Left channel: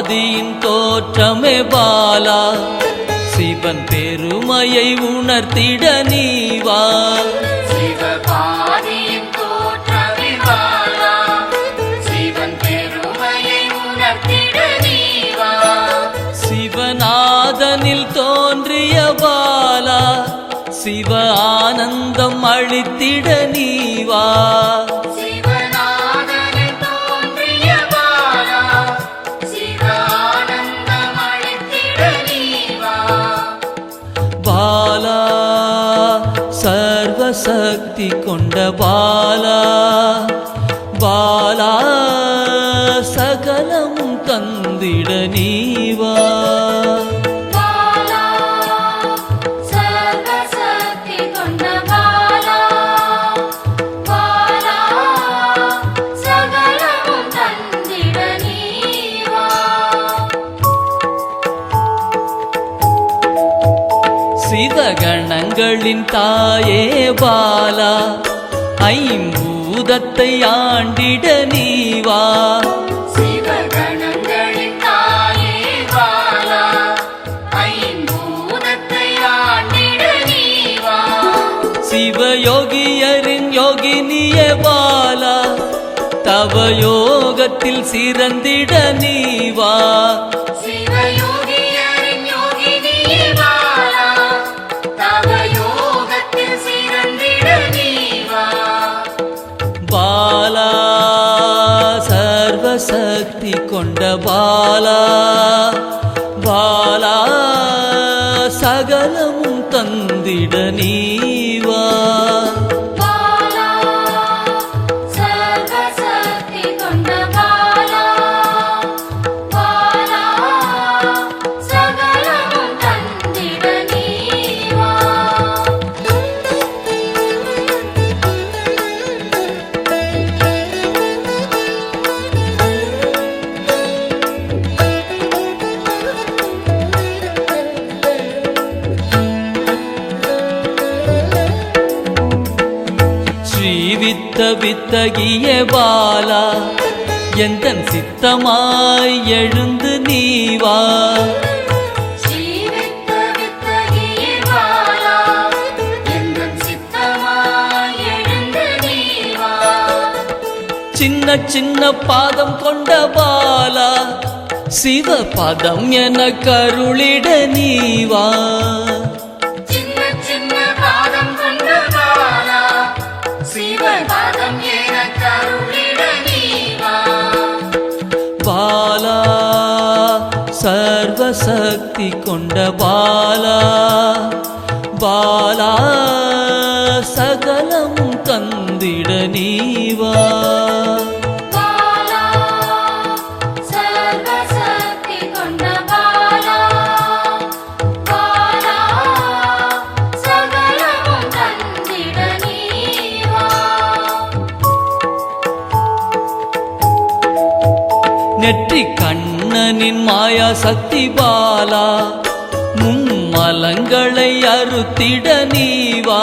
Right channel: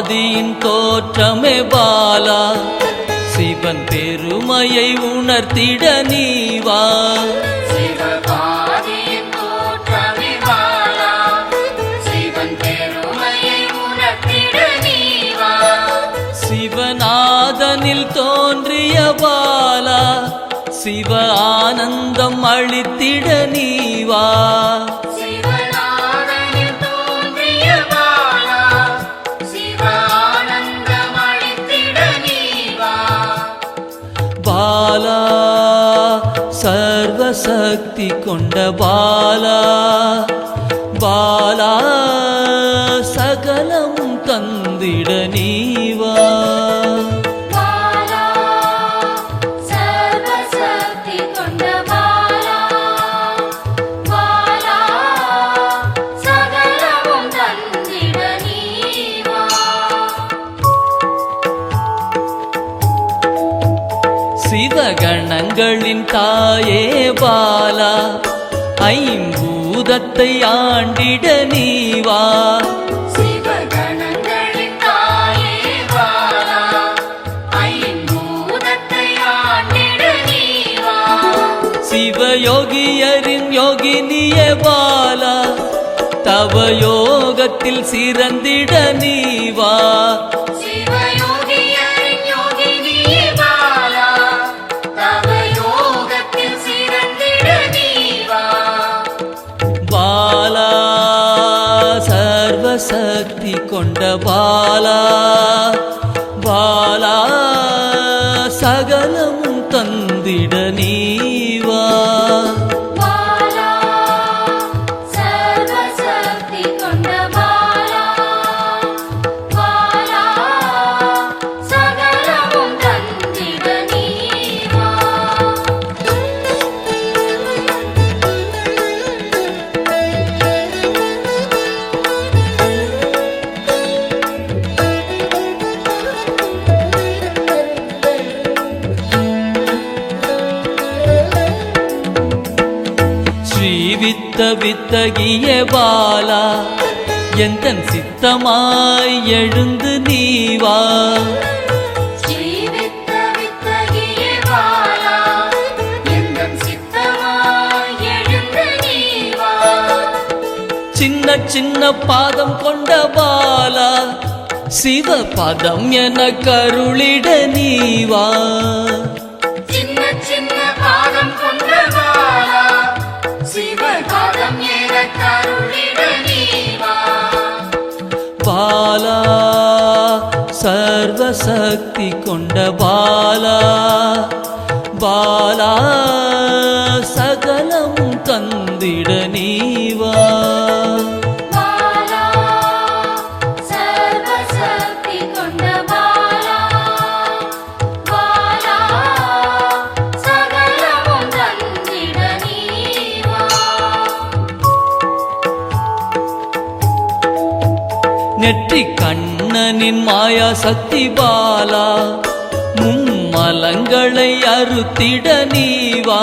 ஆதியின் தோற்றமே பாலா, சிவன் பெருமையை உணர்த்திட நீவா. சிவநாதனில் தோன்றிய பாலா, சிவ ஆனந்தம் அளித்திட நீவா. பாலா சர்வசக்தி கொண்ட பாலா, பாலா சகலமும் தந்திட நீவா. சிவகணங்களின் தாயே பாலா, ஐம்பூதத்தை ஆண்டிட நீவா. சிவயோகியரின் யோகினியே பாலா, தவ யோகத்தில் சிறந்திட நீவா. பாலா சர்வசக்தி கொண்ட பாலா, பாலா சகலமும் தந்திட நீவா. ஸ்ரீவித்த வித்தகிய பாலா, எந்தன் சித்தமாய் எழுந்து நீவா. சின்ன சின்ன பாதம் கொண்ட பாலா, சிவ பதம் என கருளிட நீவா. பாலா சர்வசக்தி கொண்ட பாலா, பாலா சகலமும் தந்திட நீவா. நெற்றி கண்ணனின் மாயா சக்தி பாலா, மும்மலங்களை அறுத்திட நீவா.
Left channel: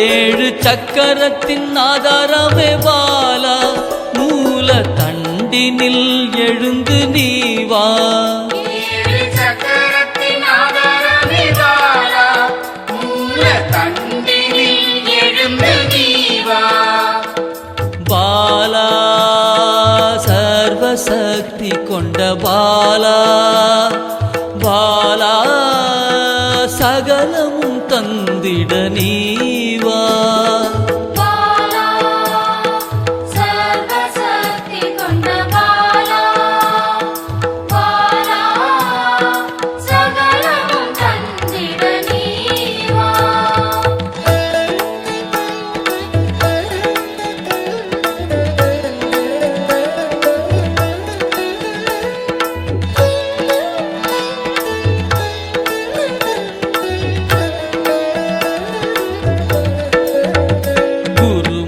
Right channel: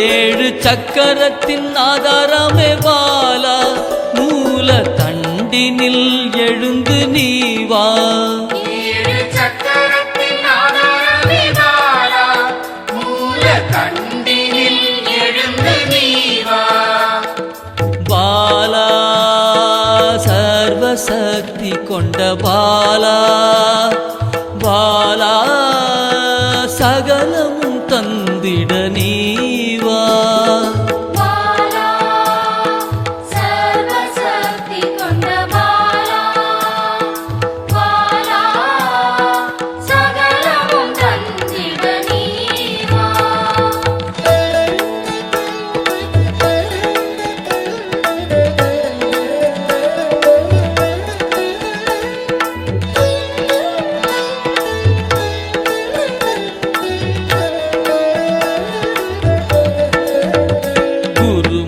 ஏழு சக்கரத்தின் ஆதாரமே பாலா, மூல தண்டினில் எழுந்து நீவா. பாலா சர்வசக்தி கொண்ட பாலா, பாலா சகலமும் தந்திட நீவா.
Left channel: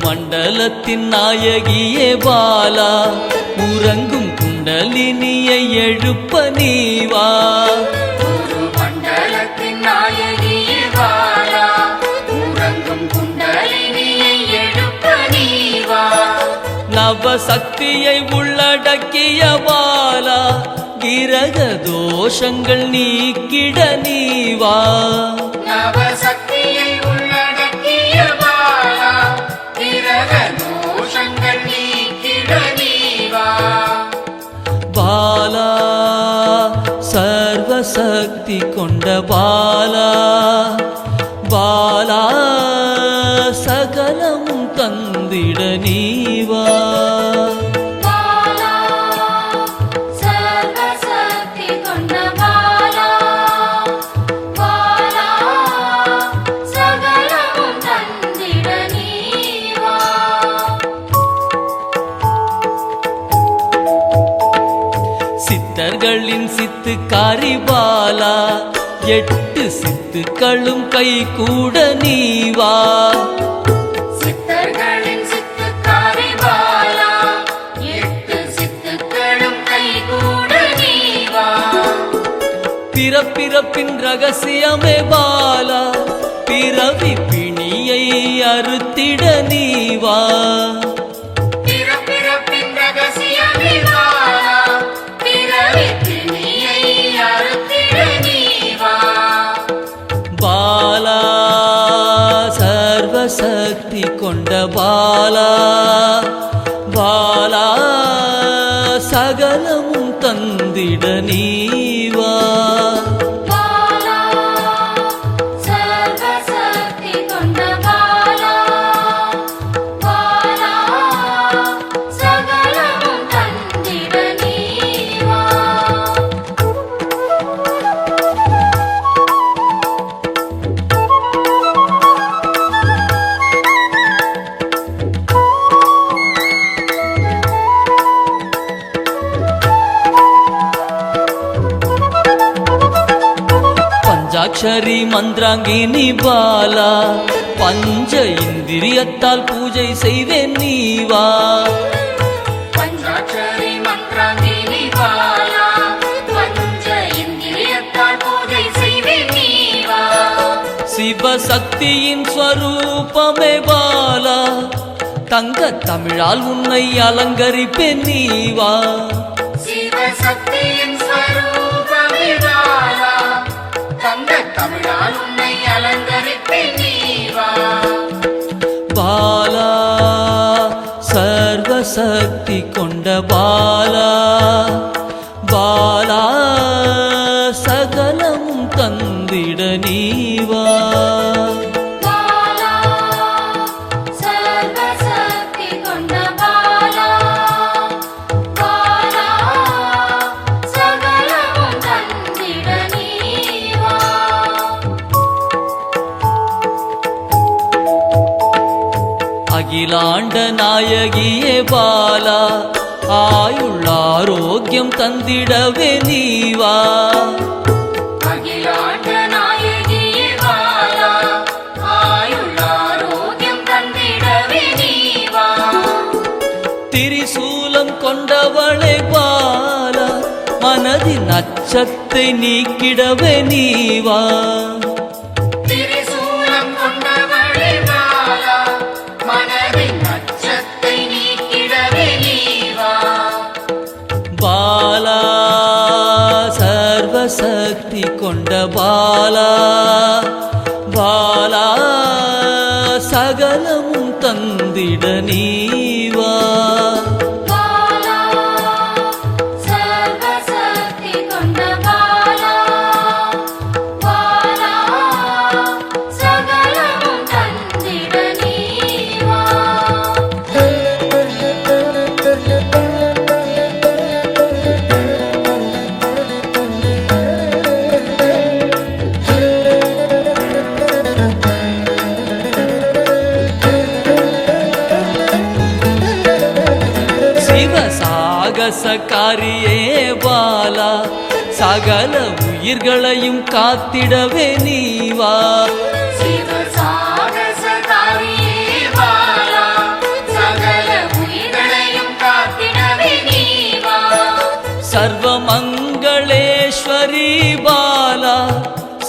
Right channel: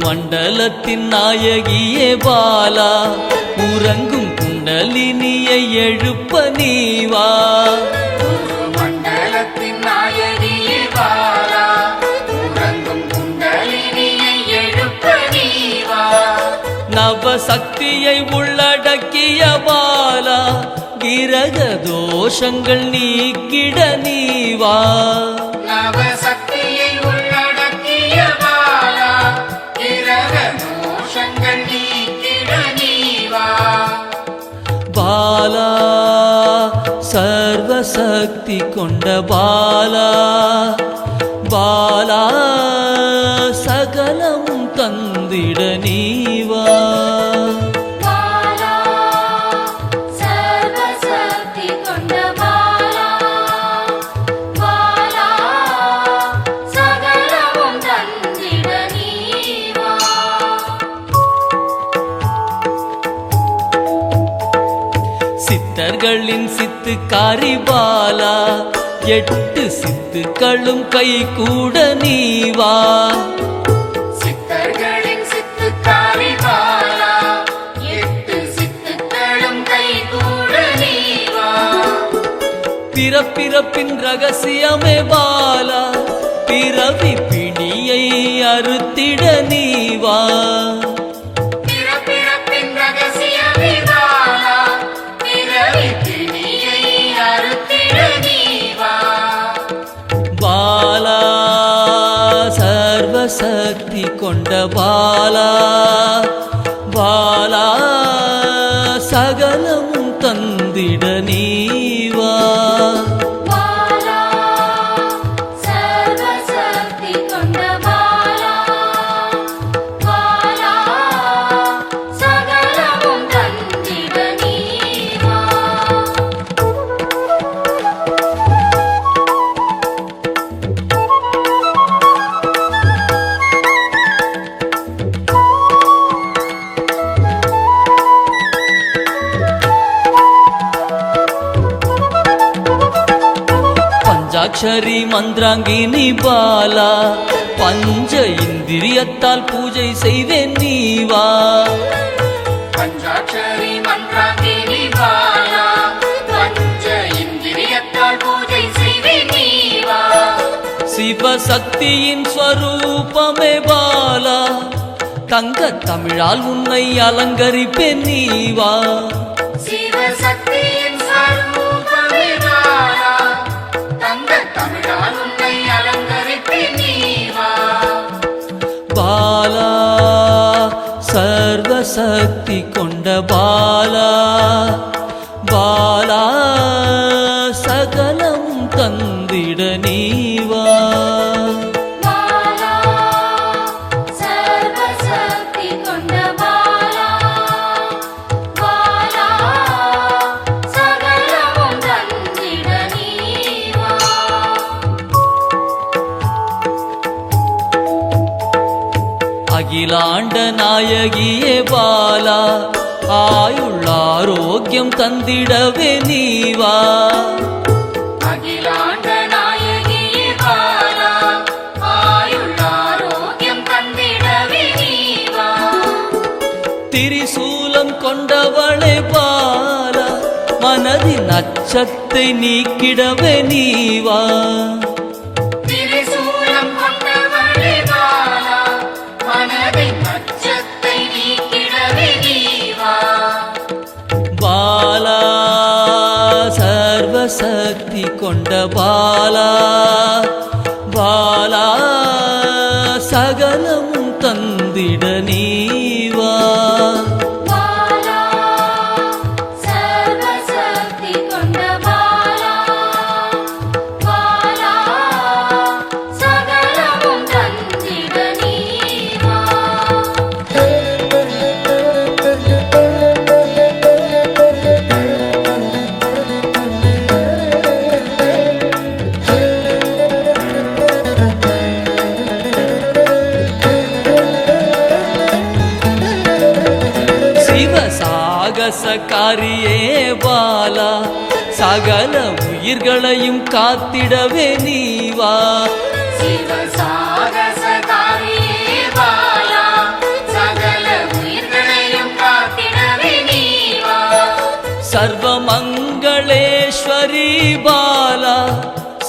மண்டலத்தின் நாயகியே பாலா, உறங்கும் குண்டலினியை எழுப்ப நீவா. மண்டலத்தின் நாயகியே பாலா, நவசக்தியை உள்ளடக்கிய பாலா கிரக தோஷங்கள் நீக்கிட நீவா நவசக்தியை உள்ளடக்கிய பாலா கிரக தோஷங்கள் நீக்கிட நீவா பாலா சர்வசக்தி கொண்ட பாலா பாலா சகலமும் தந்திட நீவா பாலா சர்வசக்தி கொண்ட பாலா பாலா சகலமும் தந்திட நீவா சித்தர்களின் சித்துக்காரி பாலா 8 சித்துக்களும் கை கூட நீவா சித்தர்களின் சித்துக்காரி பாலா 8 சித்துக்களும் கைகூட நீவா பிறப்பிறப்பின் ரகசியமே பாலா பிறவி பிணியை அறுத்திட நீவா பிறப்பிறப்பின் ரகசியமே பாலா பிறவி பிணியை அறுத்திட நீவா பாலா சர்வசக்தி கொண்ட பாலா பாலா சகலமும் தந்திட நீவா பாலா சர்வசக்தி கொண்ட பாலா பாலா சகலமும் தந்திட நீவா பஞ்சாட்சரி மந்திராங்கினி பாலா பஞ்ச இந்திரியத்தால் பூஜை செய்வேன் நீவா பஞ்சாட்சரி மந்திராங்கினி பாலா பஞ்ச இந்திரியத்தால் பூஜை செய்வே நீவா சிவசக்தியின் ஸ்வரூபமே பாலா தங்க தமிழால் உன்னை அலங்கரிப்பேன் நீவா சிவசக்தியின் ஸ்வரூபமே பாலா தங்க தமிழால் உன்னை அலங்கரிப்பேன் நீவா பாலா சர்வசக்தி கொண்ட பாலா பாலா சகலமும் தந்திட நீவா பாலா சர்வசக்தி கொண்ட பாலா பாலா சகலமும் தந்திட நீவா அகிலாண்ட நாயகியே பாலா ஆயுள் ஆரோக்கியம் தந்திடவே நீவா அகிலாண்ட நாயகியே பாலா ஆயுள் ஆரோக்கியம் தந்திடவே நீவா திரிசூலம் கொண்டவளை பாலா மனதின் அச்சத்தை நீக்கிடவே நீவா திரிசூலம் கொண்டவளே பாலா மனதின் அச்சத்தை நீக்கிடவே நீவா பாலா சர்வசக்தி கொண்ட பாலா பாலா சகலமும் தந்திட நீவா பாலா சர்வசக்தி கொண்ட பாலா பாலா சகலமும் தந்திட நீவா சாகசக்காரியே பாலா சகல உயிர்களையும் காத்திடவே நீவா சிவசாகசகாரியே பாலா சகல உயிர்களையும் காத்திடவே நீவா சர்வமங்களேஸ்வரி பாலா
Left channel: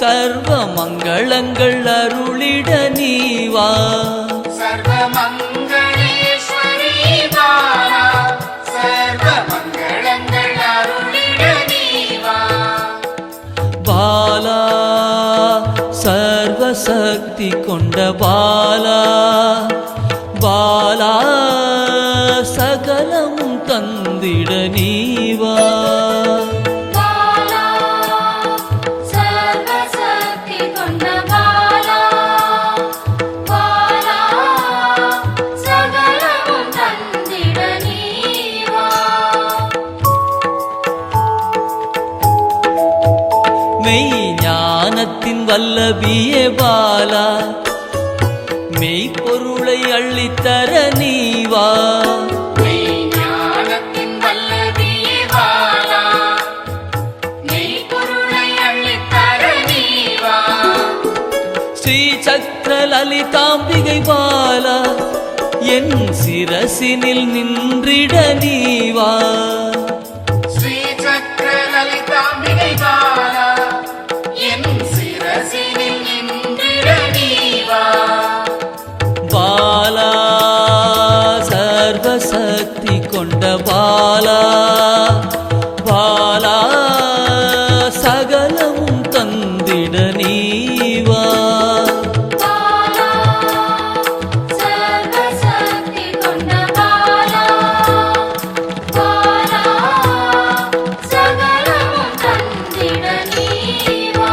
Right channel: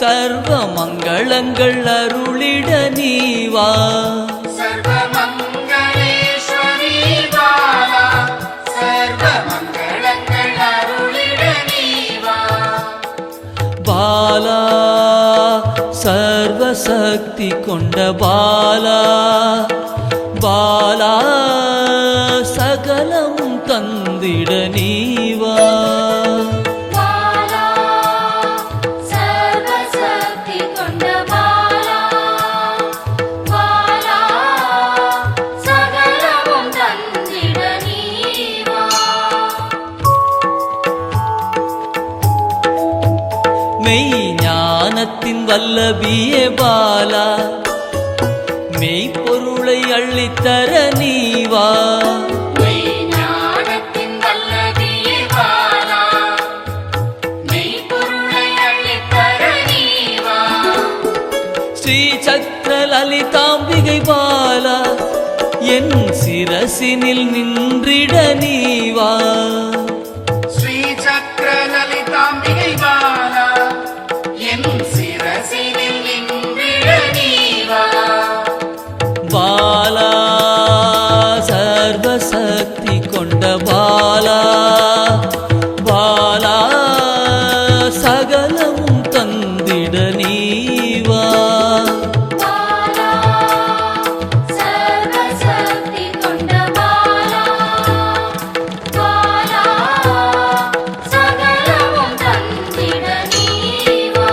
சர்வ மங்களங்கள் அருளிட நீவா சர்வமங்களேஸ்வரி பாலா பாலா சர்வசக்தி கொண்ட பாலா பாலா சகலமும் தந்திட நீவா பாலா சர்வசக்தி கொண்ட பாலா பாலா சகலமும் தந்திட நீவா மெய் ஞானத்தின் வல்லபியே பாலா மெய்ப்பொருளை அள்ளித்தர நீவா ஞானத்தின் வல்லபியே பாலா மெய்ப்பொருளை அள்ளித்தர நீவா ஸ்ரீ சக்கர லலிதாம்பிகை பாலா என் சிரசினில் நின்றிட நீவா ஸ்ரீ சக்கர லலிதாம்பிகை பாலா என் சிரசினில் நின்றிட நீவா பாலா சர்வசக்தி கொண்ட பாலா பாலா சகலமும் தந்திட நீவா பாலா சர்வசக்தி கொண்ட பாலா பாலா சகலமும் தந்திட நீவா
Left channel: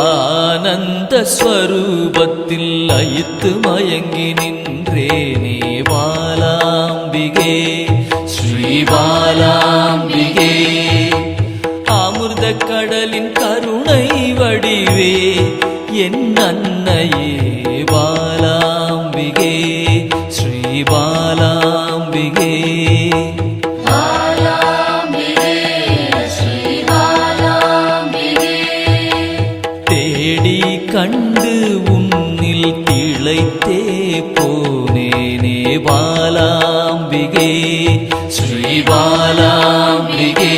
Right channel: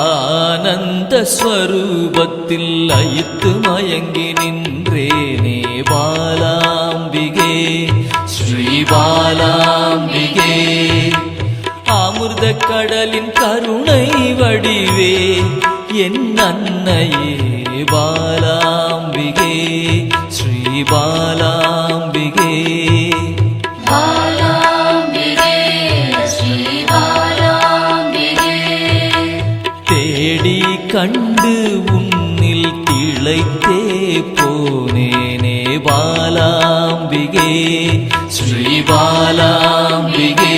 ஆனந்த ஸ்வரூபத்தில் லயித்து மயங்கி நின்றேனே பாலாம்பிகே ஸ்ரீ பாலாம்பிகே அமிர்த கடலின் கருணை வடிவே என் அன்னையே பாலாம்பிகே ஸ்ரீ பாலாம்பிகே பாலாம்பிகே ஸ்ரீ பாலாம்பிகே தேடி கண்டு உன்னில் திளைத்தே போனேனே பாலாம்பிகே ஸ்ரீ பாலாம்பிகே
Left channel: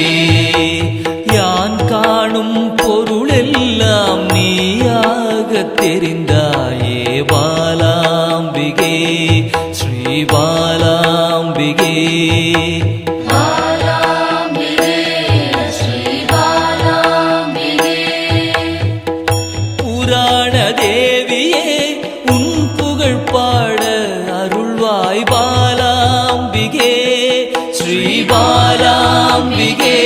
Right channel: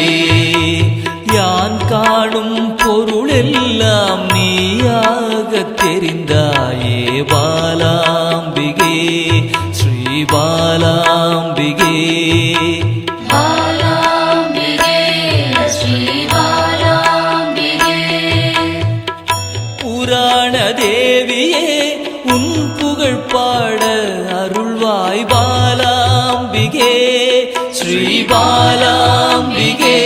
யான் காணும் பொருளெல்லாம் நீயாக தெரிந்தாயே பாலாம்பிகே ஸ்ரீ பாலாம்பிகே பாலாம்பிகே ஸ்ரீ பாலாம்பிகே புராண தேவியே உன் புகழ் பாட அருள்வாய் பாலாம்பிகே ஸ்ரீ பாலாம்பிகே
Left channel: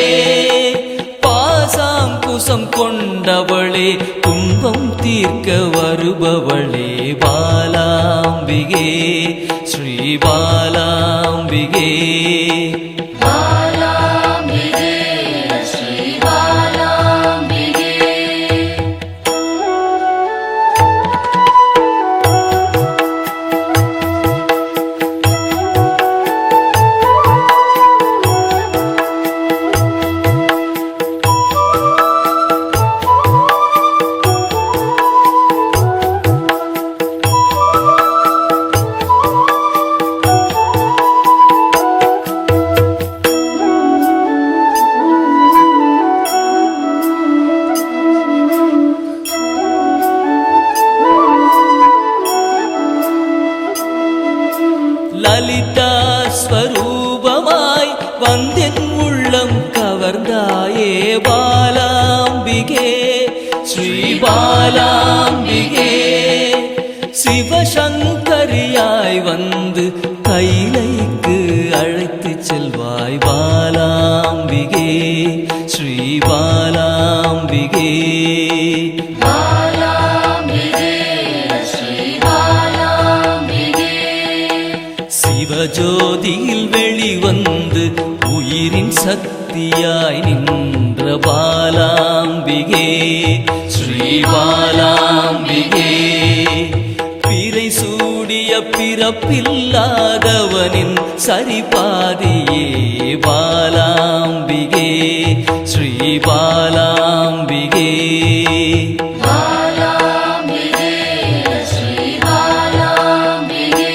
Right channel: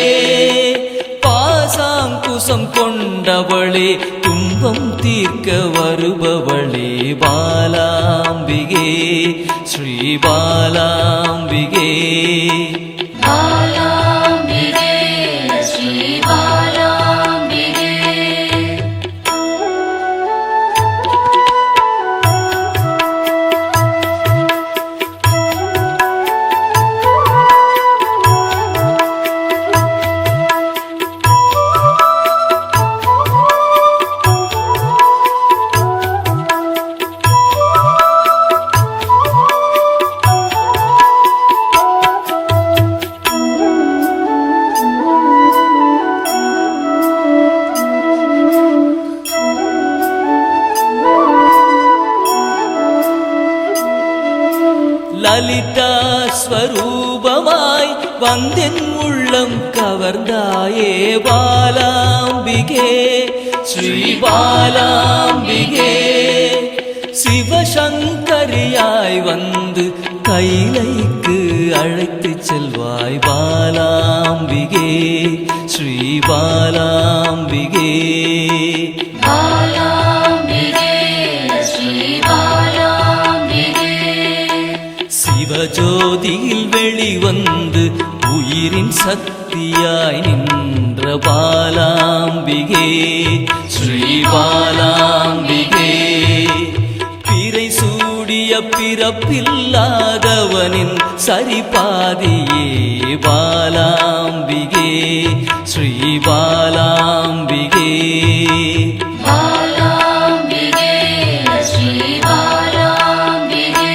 பாசாங்குசம் கொண்டவளே துன்பம் தீர்க்க வருபவளே பாலாம்பிகே ஸ்ரீ பாலாம்பிகே பாலாம்பிகே ஸ்ரீ பாலாம்பிகே லலிதா ஸ்வரூபமாய் வந்தென் உள்ளம் கவர்ந்தாயே பாலாம்பிகே ஸ்ரீ பாலாம்பிகே சிவசங்கரியாய் வந்து கைலைக்கு அழைத்து செல்வாய் பாலாம்பிகே ஸ்ரீ பாலாம்பிகே பாலாம்பிகே ஸ்ரீ பாலாம்பிகே சிவஜோதியில் வெளிவந்து உயிரின் சக்தியாய் நின்ற பாலாம்பிகே ஸ்ரீ பாலாம்பிகே பிறை சூடி கூடிய பிறப்பில்லாதவனின் சரிபாதியே பாலாம்பிகே ஸ்ரீ பாலாம்பிகே பாலாம்பிகே ஸ்ரீ பாலாம்பிகே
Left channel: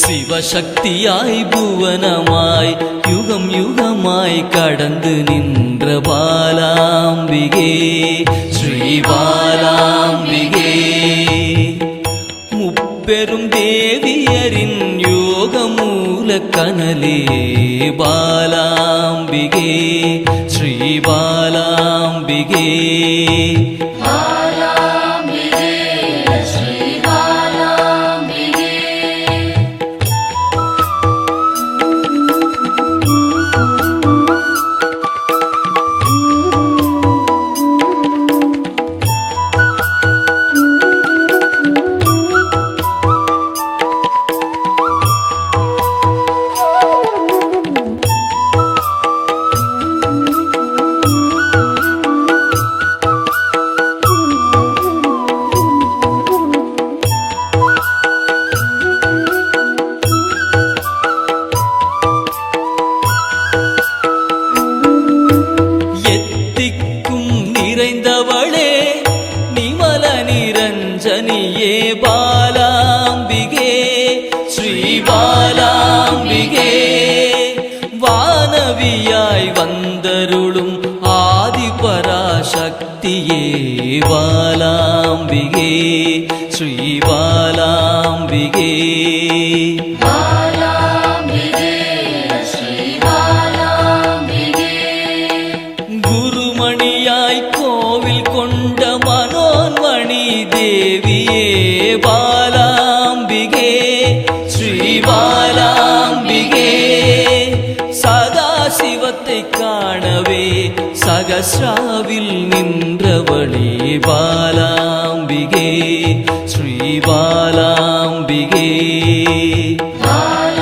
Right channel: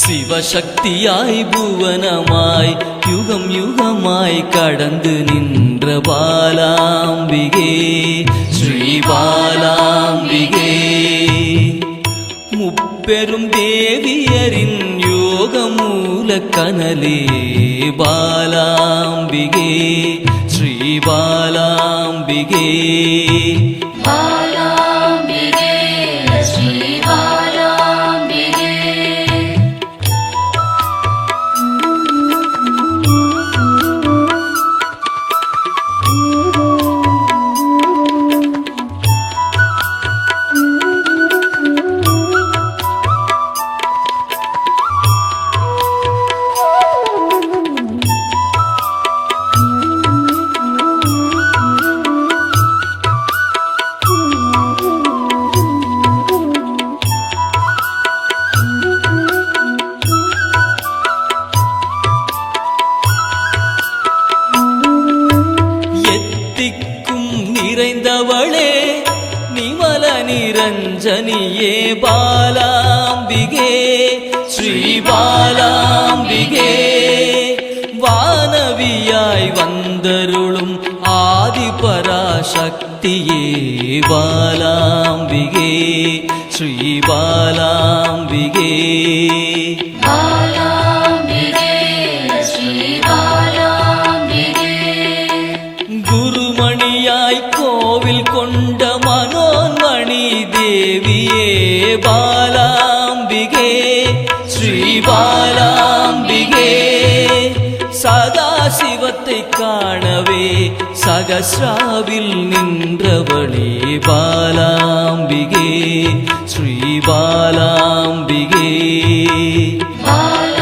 சிவசக்தியாய் புவனமாய் யுகம் யுகமாய் கடந்து நின்ற பாலாம்பிகே ஸ்ரீ பாலாம்பிகே முப்பெரும் தேவியரின் யோக மூல கனலே பாலாம்பிகே ஸ்ரீ பாலாம்பிகே பாலாம்பிகே ஸ்ரீ பாலாம்பிகே எத்திக்கும் நிறைந்தவளே நிமல நிரஞ்சனியே பாலாம்பிகே ஸ்ரீ பாலாம்பிகே வானவியாய் வந்தருளும் ஆதிபராசக்தியே பாலாம்பிகே ஸ்ரீ பாலாம்பிகே பாலாம்பிகே ஸ்ரீ பாலாம்பிகே குருமணியாய் கோவில் கொண்ட மனோன்மணி தேவியே பாலாம்பிகே ஸ்ரீ பாலாம்பிகே சதா சிவத்தை காணவே சகஸ்ராவில் நின்றவளே பாலாம்பிகே ஸ்ரீ பாலாம்பிகே பாலாம்பிகே